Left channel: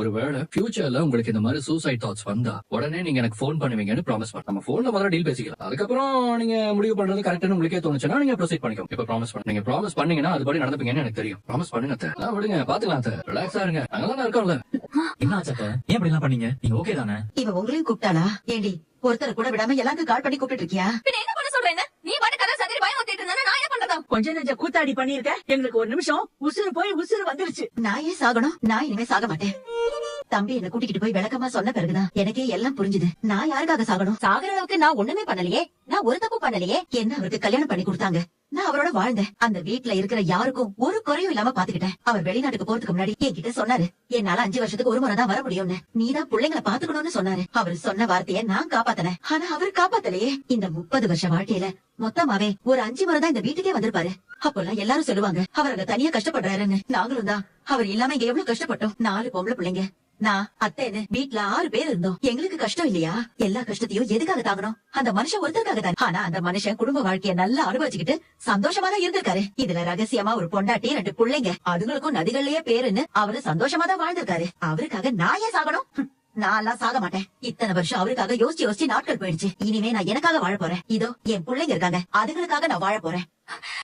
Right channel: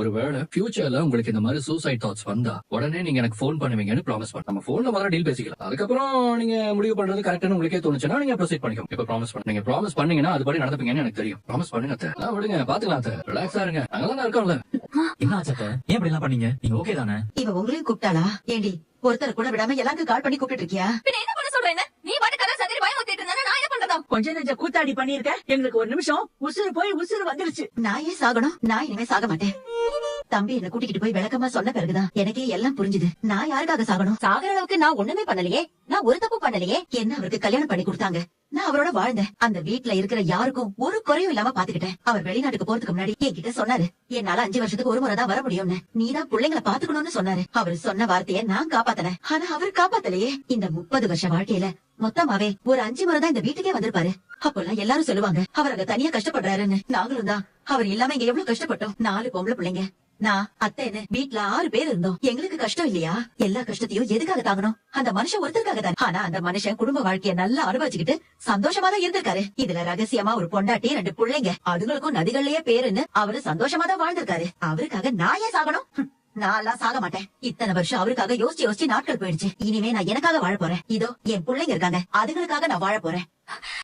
ஒருவேளை ஃபியூச்சர்ல உங்களுக்கு இந்த மாதிரி சூசைட் தாட்ஸ் வந்தா உடனே நீங்க எனக்கு ஃபோன் பண்ணுவீங்கன்னு ப்ராமிஸ் பண்ண. நம்ம போன்ல முதல்ல டீல் பேசிக்கலாம். அதுக்கப்புறம் நீங்க முடிவு பண்றது கரெக்டான உங்களுக்கே தோணுச்சுன்னா நீங்க ப்ரொசீட் பண்ணிக்கோ. இப்ப ப்ராமிஸ் பண்ண. நீங்க ப்ராமிஸ் பண்ணீங்கன்னா அது படி நடந்துப்பீங்கன்னு எனக்கு தெரியும். ப்ராமிஸ் பண்ணுங்க அத்தை. விடுங்க பாத்துக்கலாம் அத்தை. ரிலாக்ஸா இருங்க. நல்லா இருக்கோம்ல. என்ன ஆச்சு அத்தை? ஏன் இப்படி எல்லாம் பண்ணீங்க? நீங்க ஓகே தானே? இவ உங்களையும் கூப்பிட்டாளா? ஏண்டி ஒருத்தர் கூட விடாம எல்லாருக்கும் கால் பண்ணி கூப்பிட்டு இருக்கியா? என்ன பண்ண சொல்றேன்? நீ பாட்டு கதை சதிரி பயமுறுத்திட்டு இருந்தா நான் என்ன பண்றதா? கொஞ்ச நெஞ்ச கூத்தாடி பண்ணிருக்க. எங்களுக்கு ஒரு நிமிஷம் உசுறு போய் உசுறு வந்துருச்சு. நான் ஏன் சாகணும்? நான் இனிமே சாக மாட்டேன். தம்பி என்ன கூட்டிக்கிட்டு போய் விளக்கமா சொன்ன பிறகுதான் எனக்கே எல்லாம் புரிஞ்சுது. நான் யாருக்காக சாகணும்? சாகுற அளவுக்கு நான் ஒண்ணுமே பண்ணலையே. நான் ஒரு தப்பு பண்ணலையே. என்ன அவருக்கு கல்யாணம் பண்ணி கொடுத்தாங்க. நான் அவரோட வாழ்ந்தேன். அந்த வீட்டுல இருக்கிற யாருக்கும் ஒரு குறையும் இல்லாம பாத்துக்கிட்டேன். அவர் வெளிநாட்டுக்கு போறதுக்கு முன்னாடி என்கிட்ட சொன்னாரு, என்னால 5 வருஷத்துக்கு ஒரு முறை தான் வர முடியும்னு. நீதான் பிள்ளைங்களை பாத்துக்கணும்னு சொன்னாரு. அவர் சொன்ன வார்த்தைய நான் காப்பாத்தினேன். ஆனா அவர் காப்பாத்தலையே. இந்த 30 வருஷ வாழ்க்கையில மொத்தமாவே ஒரு 5 முறை தான் இந்த வீட்டுக்கே வந்திருப்பாரு. அப்பெல்லாம் எல்லாரும் சொல்லுவாங்க அவர் அங்க தனியா கஷ்டப்படுறாருன்னு. நாங்களும் தான். அவர் இல்லாம இங்க எவ்வளவு கஷ்டப்பட்டோம். 4 பொம்பளை பிள்ளைங்க, நான் அத்தைன்னு வீட்ல 6 பேர் இருந்தோம். எங்களுக்கு கஷ்டம் இல்லையா? எல்லா கஷ்டத்தையும் எதுக்காக தாங்கணும்? அந்த மனுஷன் ஒருத்தருக்காக தான். ஆனா அந்த மனுஷன் குடும்ப வாழ்க்கைய நல்லா அனுபவிச்சுக்கிட்டு சந்தோஷமா தான் இருந்திருக்காரு. இதுல ரகசியமா ஒரு பொண்டாட்டி 2 பிள்ளைங்க, அதுங்களுக்கும் நதிகள்லயே பேருன்னு அவரு சந்தோஷமா தான் வாழ்ந்திருக்காரு. அவருக்காக நான் ஏன் சாகணும்? நான் எல்லாம் சாக மாட்டேன். இத்தனை வருஷம் அவருக்காக யோசிச்சு யோசிச்சு நாட்கள் போயிடுச்சு. இனிமே நான் எனக்காக வாழ போறேன். இதோ என் பிள்ளைங்க இருக்காங்க, அதுங்களுக்காக நான் வாழ போறேன்.